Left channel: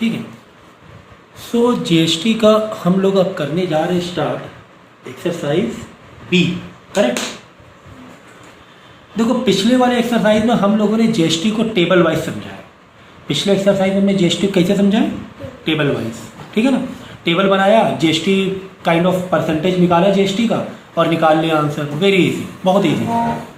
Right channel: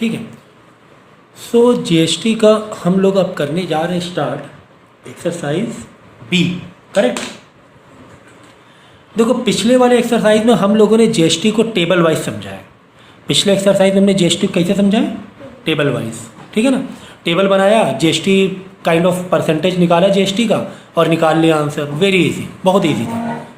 ठीक है। So GST का हम लोग अब करने जा रहे हैं स्टार्ट एक्सरसाइज बी, करेक्ट। देखो पिछले वाले एक्सरसाइज में हम लोगों ने जीएसटी को टेबल वाइज समझा है। पिछले एक्सरसाइज में हमने जीएसटी को कैसे समझा है, टेबल वाइज, ठीक है ना। टेबल बनाया, जीएसटी काइंड ऑफ परसेंटेज निकाला जीएसटी का और निकाल लिया आंसर, वेरी इजी, बहुत इजी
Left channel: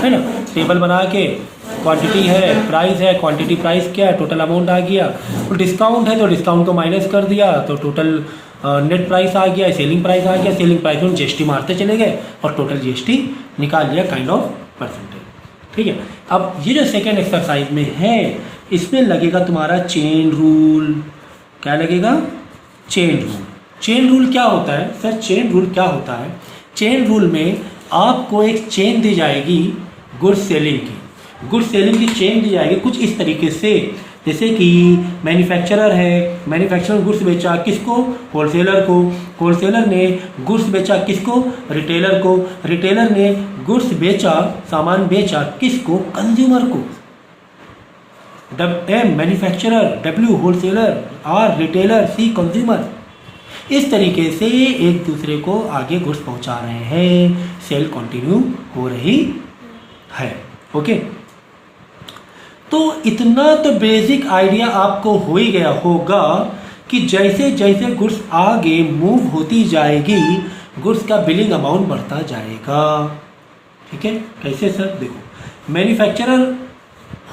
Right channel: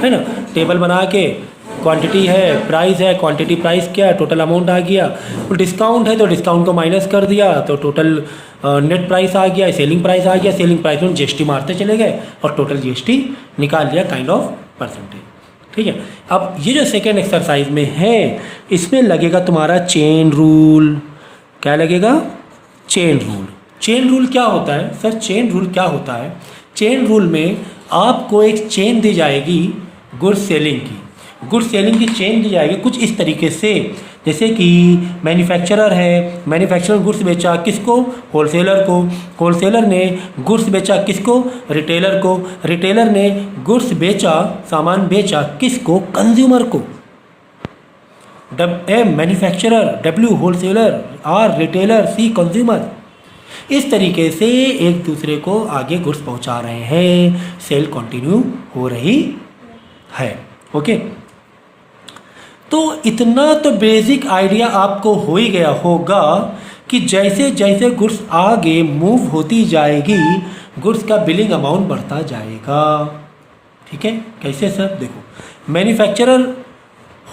है ना। टेबल बना के क्वांटिटी है, प्राइस है, क्वांटिटी प्राइस क्या है, टोटल अमाउंट आ गया, डिस्काउंट है तो डिस्काउंट को माइनस कर दिया तो टोटल नेट प्राइस आ गया, सेलिंग प्राइस आ गया, सेलिंग प्राइस में जीएसटी मारते चले गए और टोटल जीएसटी निकाल लिया काइंड ऑफ परसेंटेज, ठीक है। अब ये जो सेकेंड एक्सरसाइज में है इसमें लगेगा तुम्हारा चेन रूल। क्या लगेगा, चेन रूल। चेन रूल क्या होता है सर, चेन रूल क्या होता है, चेन रूल में आपको एक चेन दी जाएगी गुड्स सेलिंग की, गुड्स सेलिंग की चेन दी जाएगी कुछ इस तरीके से, जैसे कि मैन्युफैक्चरर है, मैन्युफैक्चरर गुड्स बेचा किसको, होलसेलर को, होलसेलर ने गुड्स बेचा किसको, रिटेलर को, रिटेलर ने गुड्स बेचा, सामान बेचा किसको, कंज्यूमर को। Manufacturer, W wholesaler, R retailer, C consumer. इस तरीके से एक दूसरे को आगे गुड्स पहुंचा रहे हैं, सेल कंटिन्यू हो रही है, ओके। तो इतना तो बेसिक आइडिया आपको हो ही गया होगा कि जैसे जैसे गुड्स आगे मूव होती जाएगी गुड्स का बिलिंग अमाउंट बढ़ता जाएगा, ठीक है। कैसे सर, देखो मैन्युफैक्चरर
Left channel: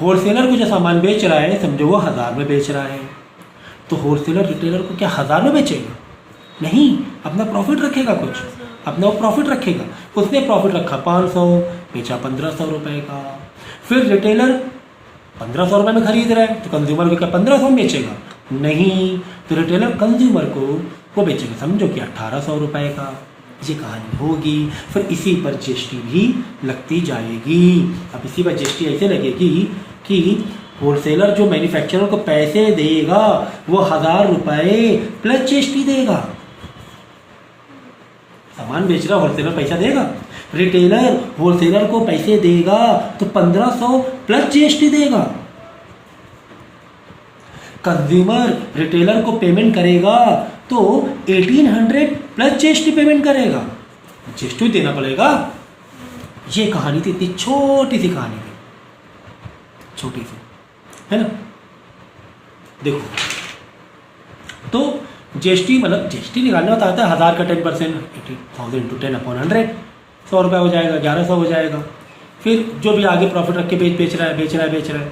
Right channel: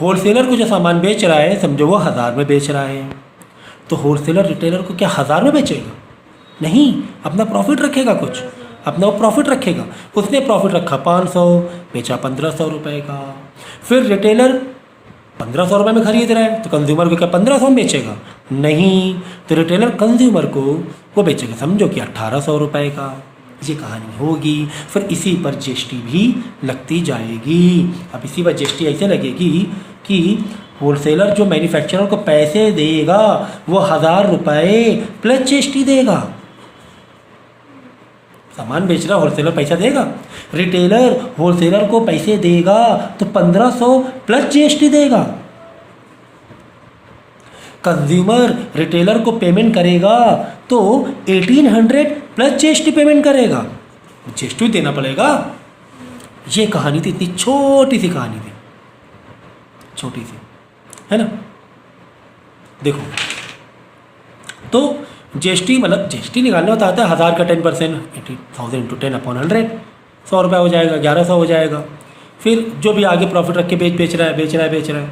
होलसेलर को जो सामान बेच रहा है समझो वो 1000 में बेच रहा है, तो होलसेलर रिटेलर को क्या 1000 में बेचेगा, नहीं, अपना प्रॉफिट रखेगा, कुछ अपना प्रॉफिट रखेगा। उसने प्रॉफिट रखा 500, बेचा 1500 रुपये का। फिर रिटेलर 1500 रुपये में खरीद रहा है तो कंज्यूमर को क्या 1500 में बेचेगा, नहीं, तो रिटेलर कंज्यूमर को वो बेचेगा समझो कि 1800 रुपये का। ये कहानी होगी। फिर इसी पर जीएसटी भी लगती जाएगी। अब इसी पर जीएसटी ऐसे लगेगी कि होलसेलर जो मैन्युफैक्चरर को पैसे देगा वो 1000 रुपये प्लस जीएसटी देगा। सामान बेच रहा होलसेलर पैसा देगा, रिटेलर होलसेलर को पैसे देगा तो 1500 प्लस जीएसटी देगा। कंज्यूमर रिटेलर को पेमेंट करेगा तो 1800 प्लस जीएसटी पेमेंट करेगा, जीएसटी देना पड़ेगा। ये कहानी थी, इतनी छोटी सी कहानी थी, छोटी सी, है ना। देखो तो जीएसटी मतलब जीएसटी निकालना होता है 1000 का 10%, 80,000 इंटू 10/100, 100 रुपये हो जाएगा, 1100 हो जाएगा। फिर जो भी आगे प्रॉफिट रख के बेच रहा है,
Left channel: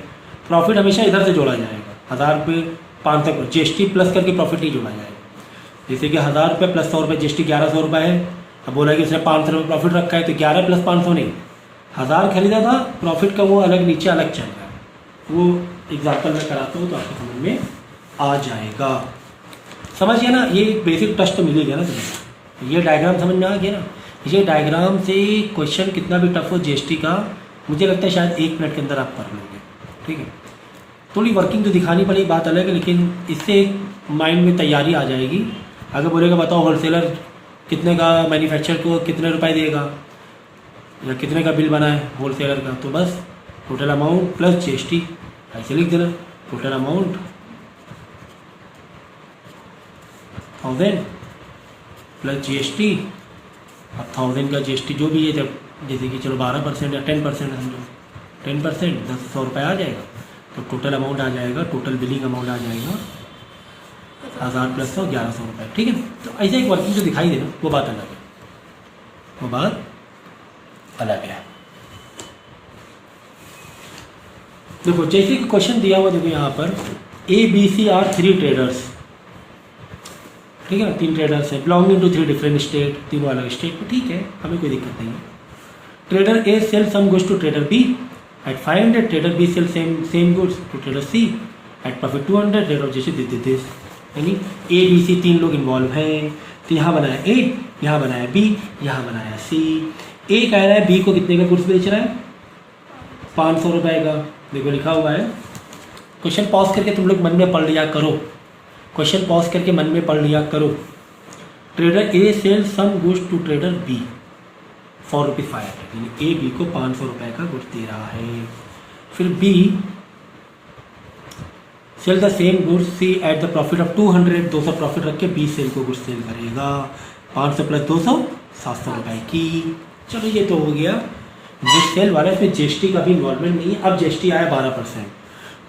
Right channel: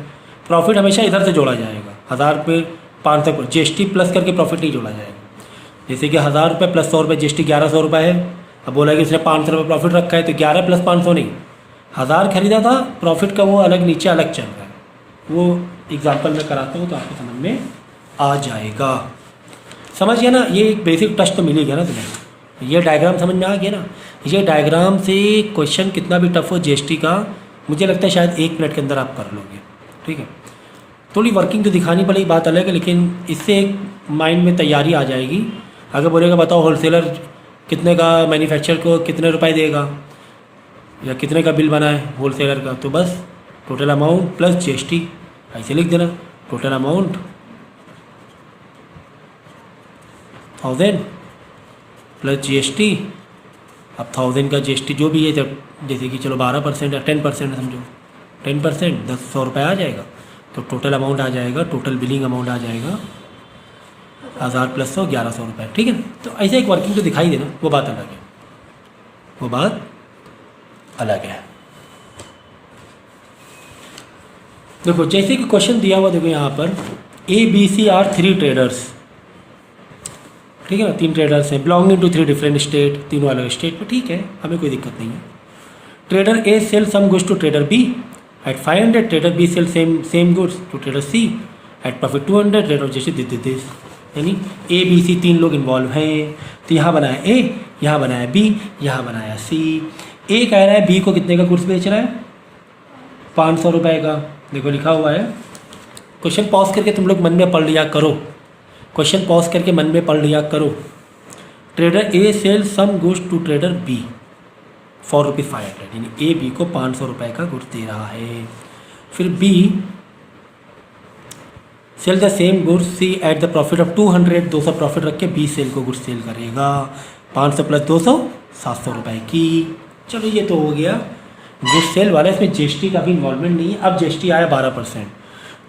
प्रॉफिट हमेशा इधर से जोड़ा जाएगा। 1000 रुपये 500 तक जीएसटी प्लस करके प्रॉफिट नहीं जोड़ा जाएगा। जैसे कि 1000 रुपये प्लस 100 रुपये जीएसटी 1100 रुपये है। अब बोला कि उसने 500 रुपये प्रॉफिट रखा है तो 11 प्लस 500 नहीं, 1000 खरीदा था, प्रॉफिट का वो अलग नीचे अलग चल रहा है। वो एग्जाम्पल मैं कराता हूँ तो आपको समझ में आ जाएगा। समझ गया ना, ये एक बेसिक टच तो मिल ही गया ना तुम्हें। ये डायग्राम समझ में आ गया ना। ये डायग्राम से क्वेश्चन कितना भी टफ हो जीएसटी का, मुझे लगता है शायद 1 मिनट के अंदर आप कर लोगे, ठीक है। थोड़ी वर्किंग तो दिखानी पड़ेगी, बात अलग है, लेकिन इससे एक माइंड में तैयारी आ जाएगी। अगर बोलेगा बताओ होलसेलर कितने का मैन्युफैक्चरर को कितने रुपए देगा या कितने का बिल बना है होलसेलर का, तो बस टोटल अमाउंट प्लस जीएसटी ऐसे लिख देना। Total amount 1000 plus GST. अब 1000 का जीएसटी जो भी है, जब जैसे कि चलो 12% या 10% समझो, 10% 100 रुपये आ जाएगा, तो टोटल अमाउंट आ जाएगा, टोटल बिलिंग अमाउंट आ जाएगा 1000 प्लस 100 1100 रुपये, ठीक है। तो ऐसे एक वर्किंग जो दिखाई देना वो बात अलग है, वो बात अलग है। देखो जैसे कि क्वेश्चन दिया हुआ, देखो यहाँ पर ABC आर 3 ट्रेडर्स, ठीक है ना, 3 ट्रेडर्स हैं, बिलोंगिंग टू 3 डिफरेंट स्टेट, तीनों अलग स्टेट में, ठीक है, हमें कोई दिक्कत नहीं है। Trader A sell some goods to trader B at 500, trader B sell same goods to trader C at profit 200, trader जैसे दिस, यानी ABC 3 लोग इन्वॉल्व हैं। तो यहाँ बनाया ए, यहाँ बनाया बी, यहाँ बनाया सी। ए कह रहा है बी को कितने का गुड्स बेच रहा है, 500 रुपये का, देखो लिखा हुआ है। क्वेश्चन पॉज करके तुम लोग मन में पढ़ लिया करो, क्वेश्चन पॉज करके मन में पढ़ लिया करो। Trader A sell some goods to trader B for ₹500, यानी ए बी को 500 रुपये का गुड्स दे रहा है। फिर B sell the same goods C at the profit of 200, 200 profit रख के बी सेल को गुड्स सेल करेगा 500 प्लस 200 700 रुपये की। चलो ये तो हो गया गुड्स सेल वाला, इसमें जीएसटी का भी इन्वॉल्वमेंट नहीं है। अब जीएसटी आया 12%,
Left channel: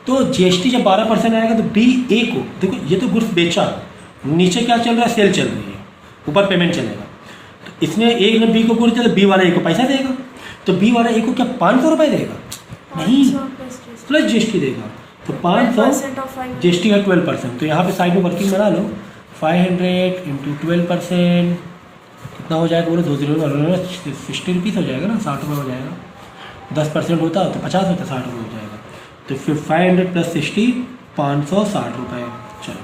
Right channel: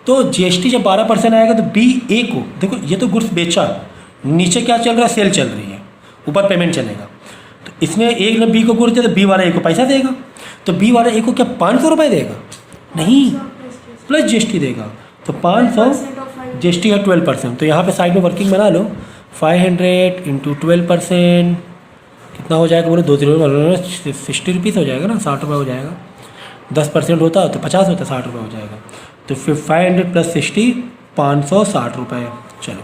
तो जीएसटी जब 12% आएगा तो बी ए को देखो, ये तो गुड्स बेचा, नीचे क्या चल रहा है, सेल चल रही है, ऊपर पेमेंट चलेगा। तो इसमें ए ने बी को गुड्स दिया तो बी वाला ए को पैसा देगा, तो बी वाला ए को क्या 500 रुपये देगा? नहीं, प्लस जीएसटी देगा। तो 500 जीएसटी है 12%, तो यहाँ पे साइड में वर्किंग बना लो, 500 इंटू 12% कितना हो जाएगा बोले, 60 रुपीज़ हो जाएगा ना, 60 रुपये हो जाएगा। 10% होता तो 50 होता, 60 रुपये हो जाएगा। तो फिर 500 प्लस 60 560 रुपये। चलो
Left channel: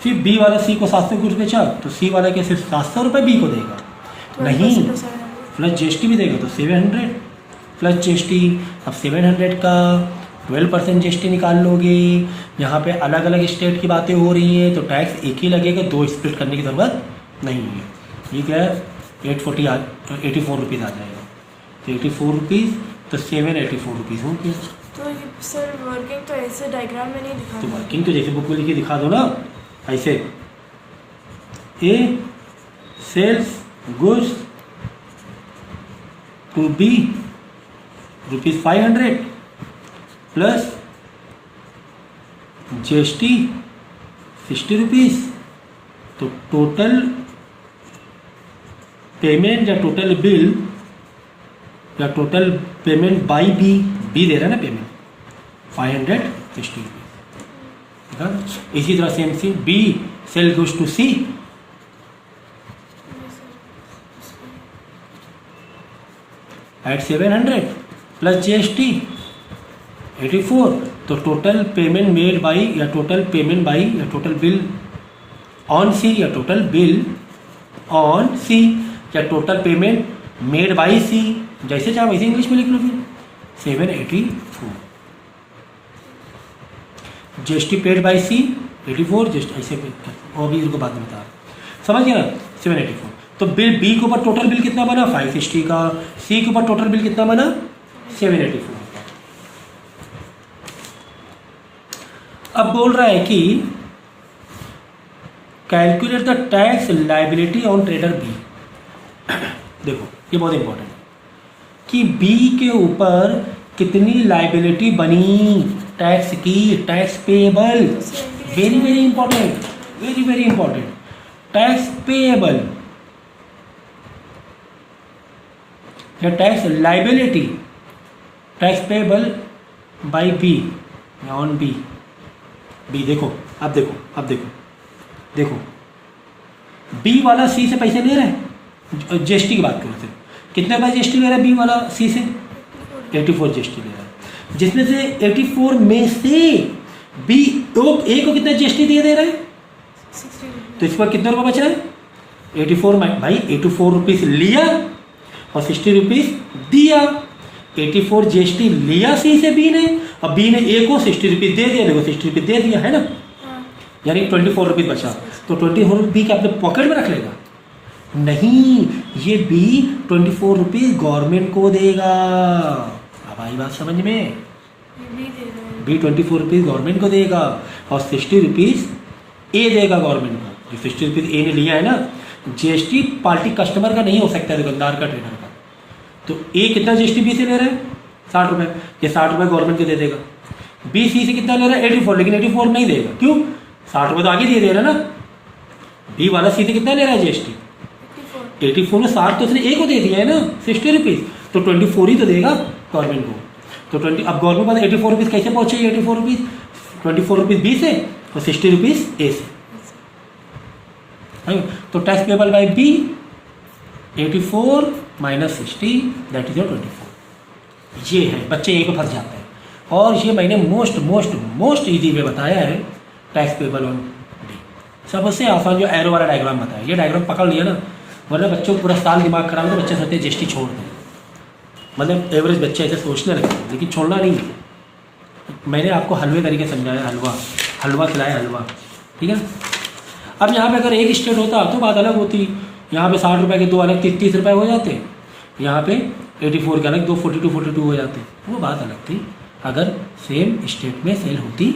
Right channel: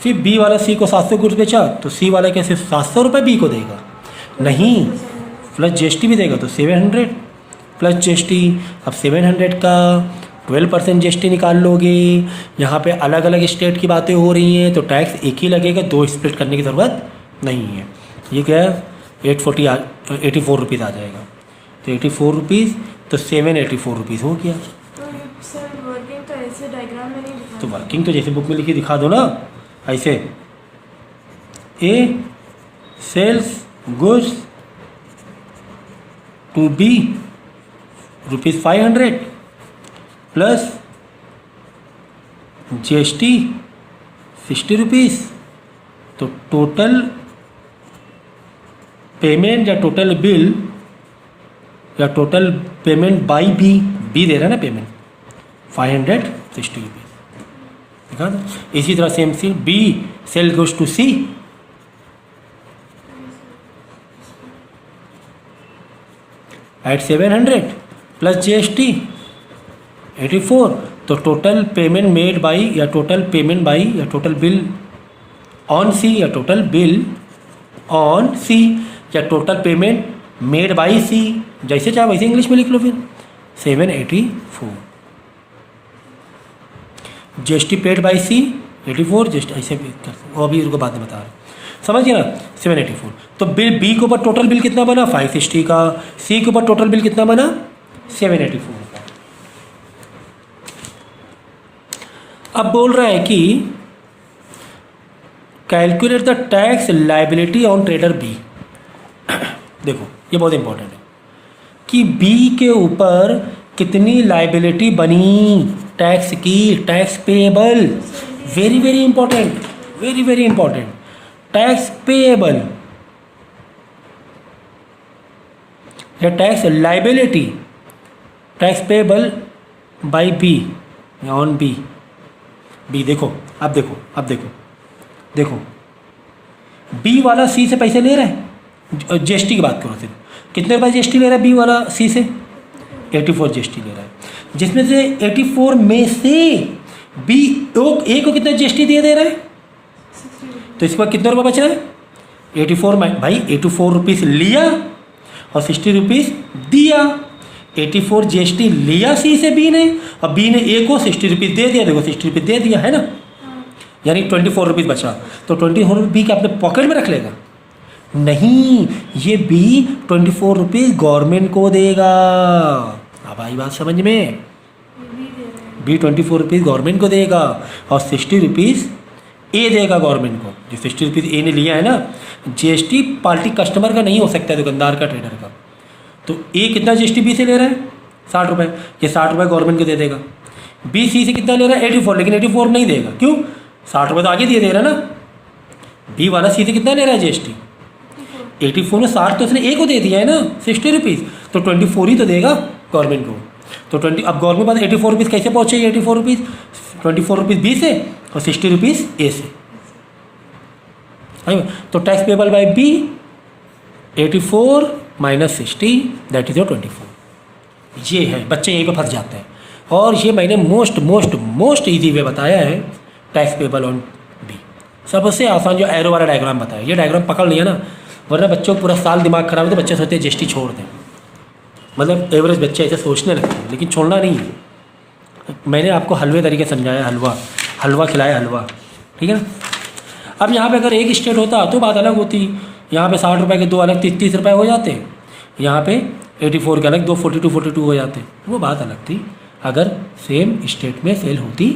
फिर बी वाला सी को 700 गुड्स बेचा, तो सी वाला कैसे 700 रुपये बी को देगा? नहीं, प्लस जीएसटी भी देगा, तो 700 प्लस जीएसटी। अब 700 का 12% जीएसटी निकाल लोगे। यहाँ पे अलग अलग स्टेट की बातें हो रही हैं, तो टैक्स एक ही लगेगा, 2 स्प्लिट करने की ज़रूरत नहीं है। ये क्या है 84 रुपीज़ आ जाएगा, तो 84 रुपीज़, तो 784 रुपीज़ हो गया। तो सर वर्किंग तो ऐसे डायग्राम में नहीं दिखा, तो वर्किंग तो जैसे बुक में लिखी दिखा दो ना, ऐसे A sells goods to B ₹500 plus GST 60 rupees, तो टोटल पेमेंट या टोटल बिल या टोटल पेमेंट बाई बी दे रहा है ना पेमेंट 560 रुपीज़, ठीक है ना। इसी तरह same C B sell goes to C at 700 plus GST 84, तो टोटल पेमेंट मेड बाई या टोटल पेमेंट बाई या टोटल बिल ऑन सी या टोटल बिल ऑन सी या total payment made by C, जैसे चाहे वैसे इंग्लिश में लिख लो। फिर 784 GST paid by C 84 GST ऐसे भी कर, वो अभी उनको बाद में बता रहा, समझ गया ना। 784, तो बिल बी के ऊपर टोटल बिल कितना बना 560 का, सी के ऊपर टोटल बिल कितना बना 784 का। अब बोल रहा है कि calculate the tax liability on trader B. देखो ये बहुत इंपॉर्टेंट है कि बी के ऊपर कितनी लाइबिलिटी बनी टैक्स की, tax payable, very very important, very very important, tax payable या tax liability, tax payable by B on B. देखो अब देखो बी वाला सी से पैसे ले रहा है, जीएसटी की बात करो सिर्फ, कितने रुपये जीएसटी ले रहा है बी वाला सी से 84 जीएसटी ले रहा है, जिसमें से 84 में से बी ए को कितना जीएसटी दे रहा है, 60 तो इस पर कितना रुपये बच रहा है 84 में, भाई 84 रुपीज़ लिया और 60 रुपीज़ दिया। 84 जीएसटी लिया सी से बी ने, और बी ने ए को 60 रुपीज़ दे दिया, देखो 60 रुपीज़ दे दिया है ना, यानी 24 रुपीज़ बचा, तो 24 बी के अपने पॉकेट में रख लेगा? नहीं, ये बी 24 रुपीज़ गवर्नमेंट को देगा। अब आई बात समझ में, बी 24 रुपीज़ गवर्नमेंट को देगा और 60 रुपीज़ ए देगा गवर्नमेंट को। जो 60 रुपीज़ ए ने लिया है ना, जीएसटी पार्टी कस्टमर का नहीं हो सकता है, दुकानदार का, ट्रेडर का। तो ए कितना जीएसटी बी से ले रहा है 60 रुपये, ये 60 रुपये गवर्नमेंट को दे देगा। बी सी से कितना ले रहा है 84, लेकिन 84 नहीं देगा, क्यों? 60 रुपये तो आगे दे रहा है ना। बी वाला सी से कितना ले रहा है जीएसटी 84 में 60 तो उसने ए को दे दिया है ना 60 रुपीज़, तो 24 ही तो देगा गवर्नमेंट को। तो 20 अब गवर्नमेंट पास 84 रुपीज़ कैसे पहुँचे? 84 रुपीज़ 24 रुपीज़ बी से और 60 रुपीज़ ए से। तो tax payable by B 84 minus 60 that is your 24। ये है, बच्चे यहीं पर फंस जाते हैं। और ये मैंने मोस्ट ईजी वे बताया है टैक्स पेबल ऑन बी, सबसे आसान जो एरो वाला डायग्राम बताया। ये डायग्राम पकड़ लिया ना, वरना बच्चों को पूरा साल दिमाग खराब होता है, बच्चे सोचते हैं जीएसटी छोड़ दें, मतलब एवरेज बच्चे ऐसे सोचने लगते हैं, लेकिन छोड़ना नहीं है। मैंने आपको हलवे तरीके समझाया, हलवा खिलाया, हलवा, ठीक है ना। अब यहाँ पे अगर एक स्टेट होता तो बात अलग होती, यहाँ पे 60 रुपये के दो अलग 30 रुपये हो जाते, यहाँ पे 84 के अलग दो 42 हो जाते, वो बात अलग थी। अगर सेम स्टेट में सेल होती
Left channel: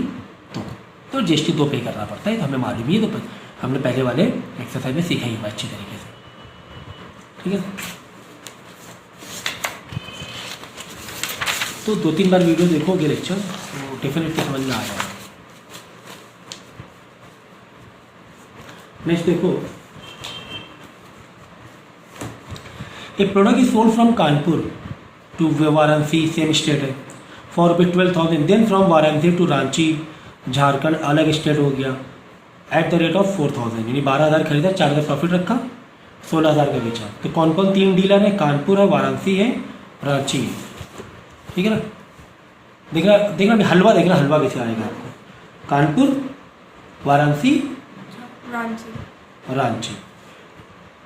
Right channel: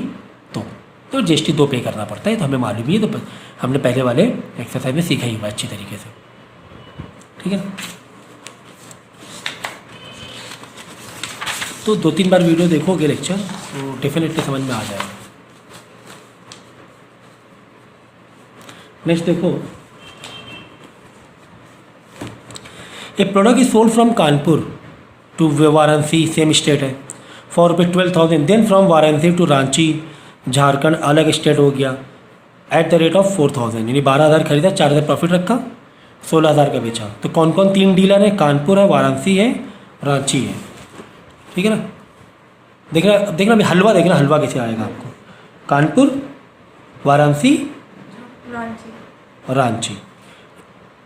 तो जीएसटी 2 पे करना पड़ता है, तो हमें मालूम ही है, तो हमने पहले वाले एक्सरसाइज में सीखा ही हुआ अच्छी तरीके से, ठीक है। तो 2-3 बार वीडियो देखोगे लेक्चर तो डेफिनेटली समझ में आ जाएगा। नेक्स्ट देखो, a product is sold from Kanpur to Varanasi, same state है, for ₹12,000, then from Varanasi to Ranchi Jharkhand, अलग स्टेट हो गया, एट द रेट ऑफ 4,000, यानी 12,000 खरीदा, 4,000 प्रॉफिट रखा, 16,000 का बेचा। तो कौन कौन 3 डीलर है? कानपुर है, वाराणसी है, रांची है, ठीक है ना। देखना अभी हलवा, देखना हलवा कैसे आएगा आपको। कानपुर, वाराणसी रांची। और रांची,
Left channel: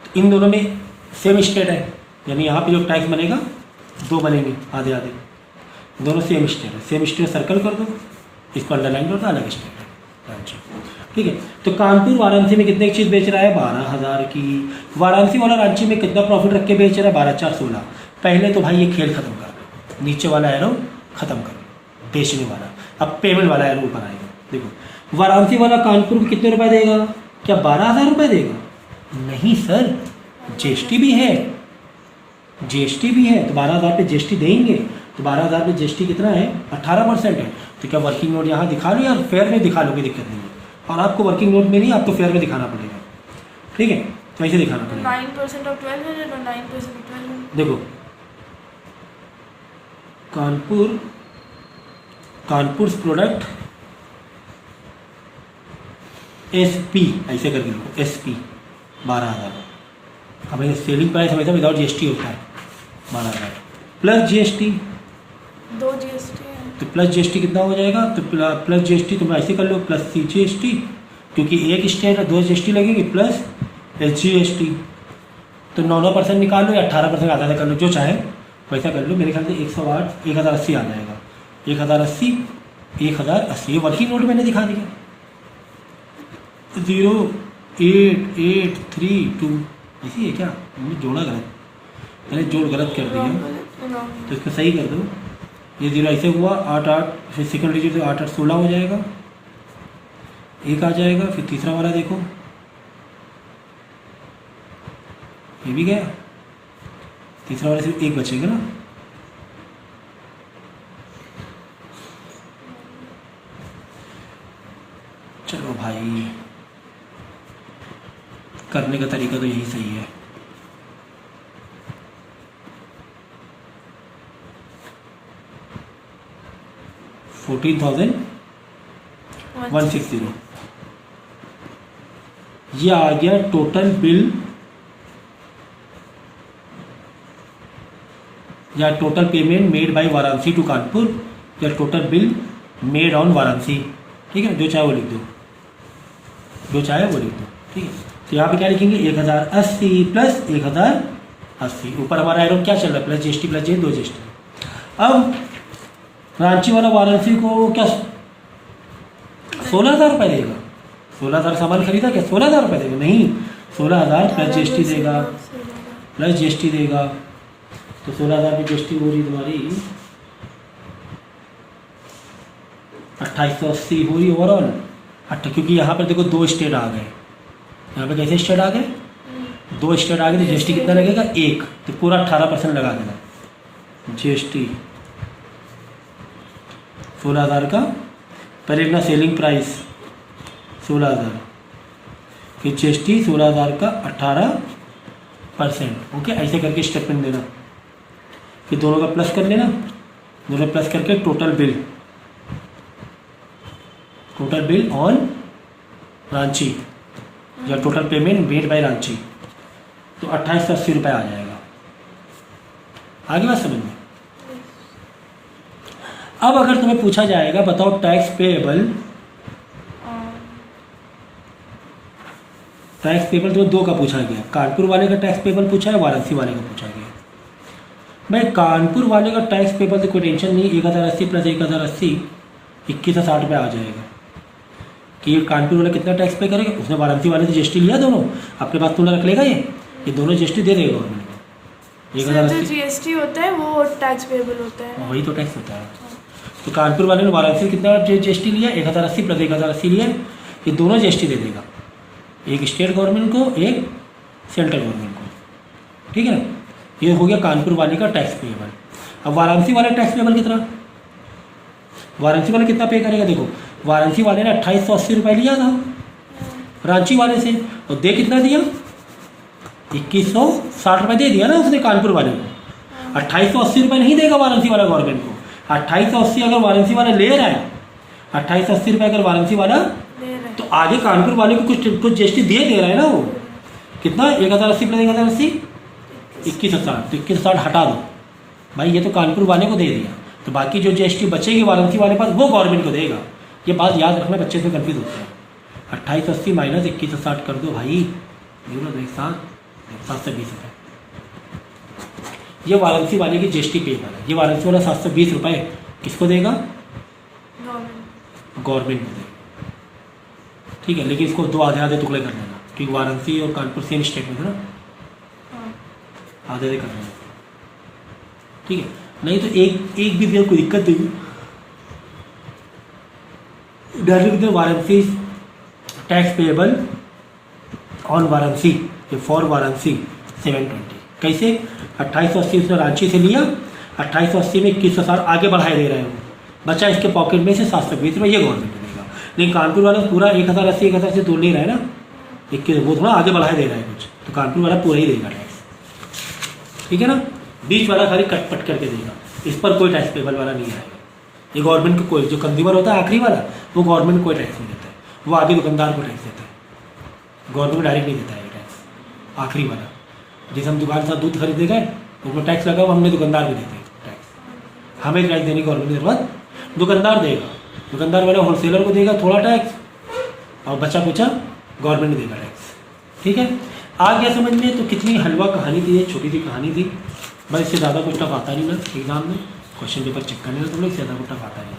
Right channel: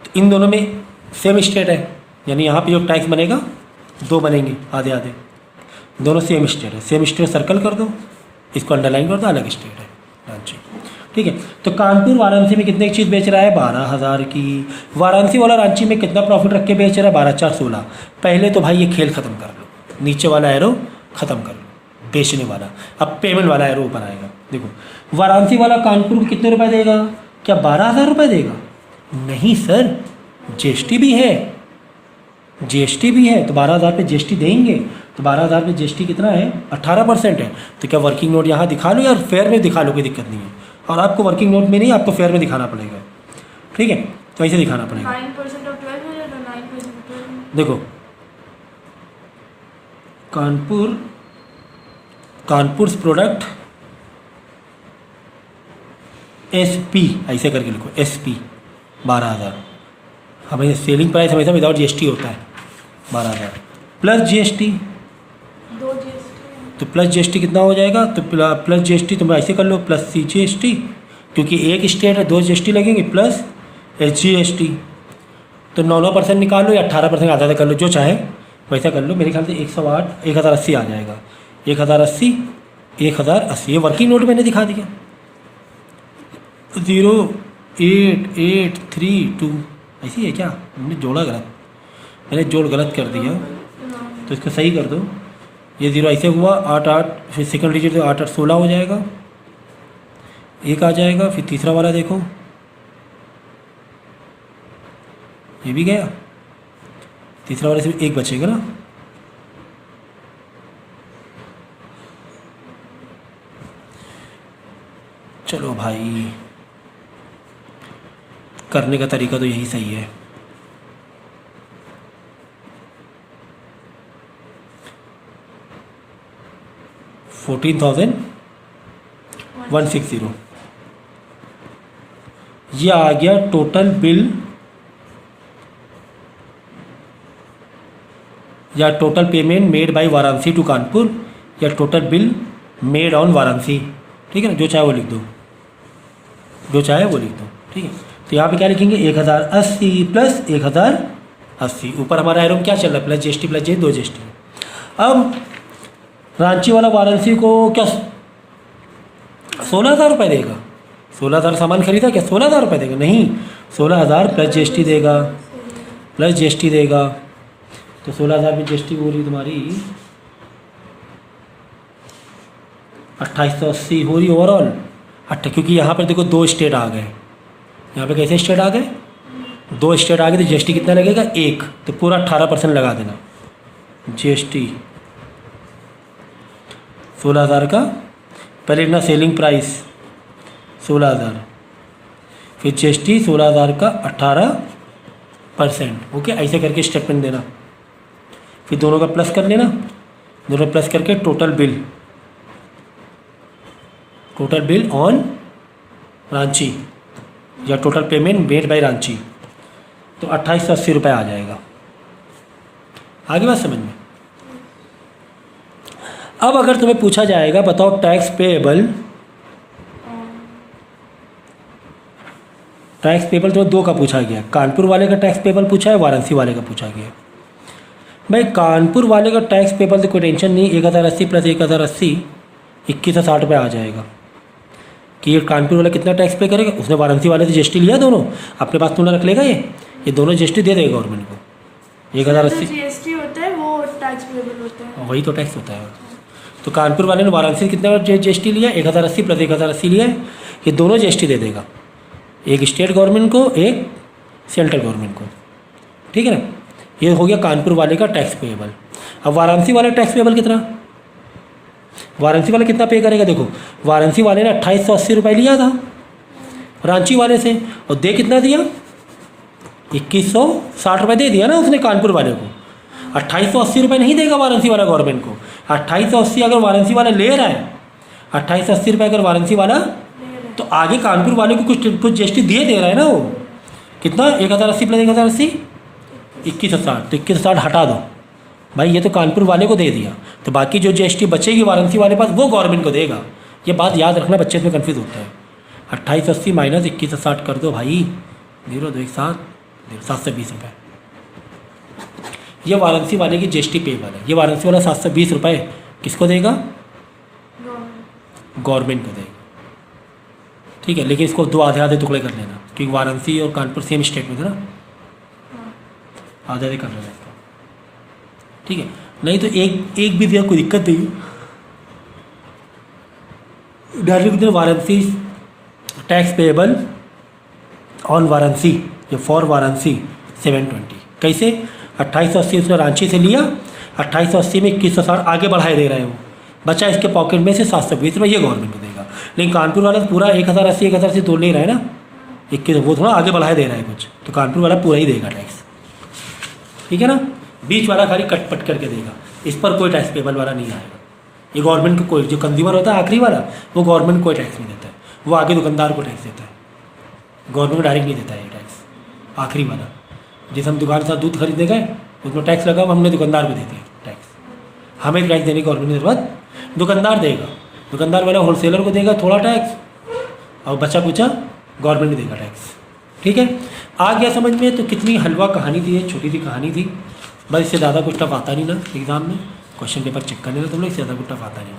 तो इन दोनों में सेम स्टेट है, यानी यहाँ पे जो टैक्स बनेगा 2 बनेंगे, आधे आधे, दोनों सेम स्टेट है। सेम स्टेट सर्कल कर दो, इसको अंडरलाइन कर दो, अलग स्टेट है रांची, ठीक है। तो कानपुर वाराणसी में कितने की चीज़ बेच रहा है? 12,000 की। वाराणसी वाला रांची में कितना प्रॉफिट रख के बेच रहा है? 12,416। पहले तो भाई ये खेल ख़त्म कर लो, नीचे वाला एरो ख़त्म कर लो, बेचने वाला। अब पेमेंट वाला एरो ऊपर आएगा। देखो वाराणसी वाला कानपुर को कितने रुपए देगा? क्या 12,000 रुपये देगा? नहीं सर, जीएसटी भी है, जीएसटी भी है, तो 12,000 पे जीएसटी देंगे, तो 12,000 पे जीएसटी कितना है? 18% है। तो क्या वर्किंग नोट यहाँ दिखा लो या फेयर में दिखा लो, कोई दिक्कत नहीं है। और आपको वर्किंग नोट में नहीं, आपको फेयर में दिखाना पड़ेगा, ठीक है, तो ऐसे दिखाना पड़ेगा। 9% of 12 or 9% of 12? देखो कानपुर प्रोडक्ट SP ऐसे करके लिखो, SP 12,000। अब ये सेलिंग प्राइस हमेशा विदाउट जीएसटी होता है 12,000 प्लस जीएसटी, 2 GST है। तो प्लस जीएसटी कितना हो जाएगा? तो प्लस जीएसटी तुम ऐसे कर लो, प्लस CGST, क्योंकि एक स्टेट है 2 GST लगेंगे, प्लस SGST। तो 9% निकाल लो या 18% आधा कर लो, जो चाहे वैसा कर लो। मेरे ख्याल से 108 1080 आ जाएगा, 1080 ये वर्किंग नोट मैंने दिखा दिया। 08832 ऐसी है क्या? मैंने जोड़ा गलत, मैंने जोड़ गलत कर दिया, तो इसको सही कर दो। ये 0 ऐसे हुआ, 88 फिर सेकंड डिजिट तो 8816 हो जाएगा, एक आ जाएगा। फिर तीसरा वाला देखो, ये भी गया, तीसरा वाले से एक बचेगा ना। चलो भाई, करने का तरीका तो यही सही है। $14,160 ये आ गया टोटल बिल या total payment made by Varanasi to Kanpur, या total bill made on Varanasi, ठीक है ना। जो चाहे वो लिख दो, जो चाहे वो लिख दो, ठीक है। तो यहाँ पे क्या लिखेंगे? 1,080 प्लस 1,080, ऊपर हमारा एरो क्या चल रहा है? प्लस जीएसटी प्लस जे 2 GST। अब रांची वाला वाराणसी को क्या 16,000 रुपये देगा? 16,000 सामान खरीदा, क्या 16,000 रुपये देगा? नहीं, 16,000 प्लस जीएसटी देगा, प्लस जीएसटी देगा। तो 16,000 की जीएसटी हो रही तुम्हारी 2,880 हो रही ओवरऑल। क्योंकि यहाँ पर देखो 2 स्टेट आ गए, यहाँ पे कैसे स्टेट आ गए? 2 स्टेट आ गए, तो जीएसटी कितना लगेगा? 1, तो पूरा 18% लगा देना जीएसटी 16,000 का। पहले इतना सेलिंग प्राइस 16,000, फिर जीएसटी 16,000 का 18%, ओके। ऐसे करके स्टेप में देना, फिर दोनों का प्लस कर लेना, दोनों प्लस करके टोटल बिल ऑन रांची या total payment made bye Ranchi, तो 2,880 रुपये आ जाएगा। आगे बात समझ में? अब अगर तुम्हें पूछा जाएगा बताओ टैक्स पेएबल तुम्हें 2 का पूछा गया, कानपुर वाले का टैक्स पेएबल पूछा है, वाराणसी वाले का पूछा गया। भाई कानपुर वाले का टैक्स पेएबल तो कोई टेंशन नहीं, 1,080 प्लस 1,080 2160 रुपये आ जाएगा। कि ये कानपुर वाला कितना टैक्स पे करेगा? उसने वाराणसी वाले से जीएसटी लिया, दोनों अपने पास तुमने रख लेगा, ये दोनों जीएसटी दे देगा गवर्नमेंट को। 1,080 जीएसटी होता है वो टैक्स पेएबल होता है, वही तो टैक्स होता है। तो कानपुर वाले ने वाराणसी कितना GST लिया, 1080 प्लस 1080 लिया है। ये दोनों GST दे देगा, एक स्टेट गवर्नमेंट को, एक सेंट्रल गवर्नमेंट को, ठीक है ना। ये हो गया कानपुर वाले का टैक्स पेएबल। अब वाराणसी वाले टैक्स पेएबल कितना, वाराणसी वाले कितना पे करेगा, देखो वाराणसी वाले ने 2880 रुपये लिया था रांची वाले से, और दे कितना दिया, 2160 रुपये दे दिया ना उसने कानपुर वाले को। 2880 रुपये नहीं देगा वाराणसी वाला गवर्नमेंट को। 2880 अगर वाराणसी वाला ले रहा है, 2880 रुपये अगर वाराणसी वाला, तो आगे कानपुर वाले को कुछ GST दे रहा है ना वो। कितना, 1080 प्लस 1080 2160, तो 2160 हटा दो भाई, ये तो कानपुर वाले को दे दिया, तो बाकी जो GST बचेगी वाराणसी वाले पास वो गवर्नमेंट को देगा। ये बात याद रखना, बच्चे इसमें कन्फ्यूज होते हैं। 2880 माइनस 2160 कर दो भाई, 720 रुपये। ये वाराणसी वाले की GST पेएबल है। ये वाराणसी वाला 720 रुपये किसको देगा, गवर्नमेंट को देगा, ठीक है। लेकिन इसको दो आधे आधे टुकड़े कर लेना, क्योंकि वाराणसी और कानपुर सेम स्टेट में थे ना, आधे आधे कर लेना, ठीक है। नहीं तो एक भी दिया कोई दिक्कत नहीं, डायरेक्ट कितने, Varanasi tax payable on Varanasi, for Varanasi 720। कैसे, 2880 उसने रांची से लिया, 2880 में 2160 आगे बढ़ाए दे रहे हैं वो, बचा इसके पॉकेट में से 720 रुपये, ये गवर्नमेंट को देगा। लेकिन कानपुर वाला पूरा 1080 1000 से तोड़ नहीं रहा है ना, 21 वो थोड़ा आगे बढ़ाए दे रहा है कुछ, तो कानपुर वाला पूरा ही देगा टैक्स, ठीक है ना। बीच वाला खाली कट पट करके देगा, इस पर कोई टैक्स पेएबल वाला नहीं आएगा। ये गवर्नमेंट के कोई जो कंज्यूमर होता है आखिरी वाला, वो गवर्नमेंट कोई टैक्स नहीं देता है, वो आगे दुकानदार को टैक्स देता है, गवर्नमेंट डायरेक्ट नहीं देता है ये टैक्स। आखिरी वाला, जैसे हम दुकान से दूध खरीदे गए तो उसमें टैक्स लगा, हमने दुकानदार को देते हैं टैक्स, हमें टैक्स देने की गवर्नमेंट की जरूरत, दुकानदार देगा, दुकानदार वाले होलसेलर को देगा थोड़ा टैक्स, और बचा कुचा गवर्नमेंट देगा टैक्स, ठीक है। आ गया समझ में। तो कितनी हलवा कहानी थी, ये छोटी सी कहानी थी, बस इससे ज़्यादा कुछ टफ आता नहीं ना एग्जाम में, क्वेश्चन पेपर चेक करने में तुम लोग, इससे ज़्यादा कुछ टफ आता नहीं।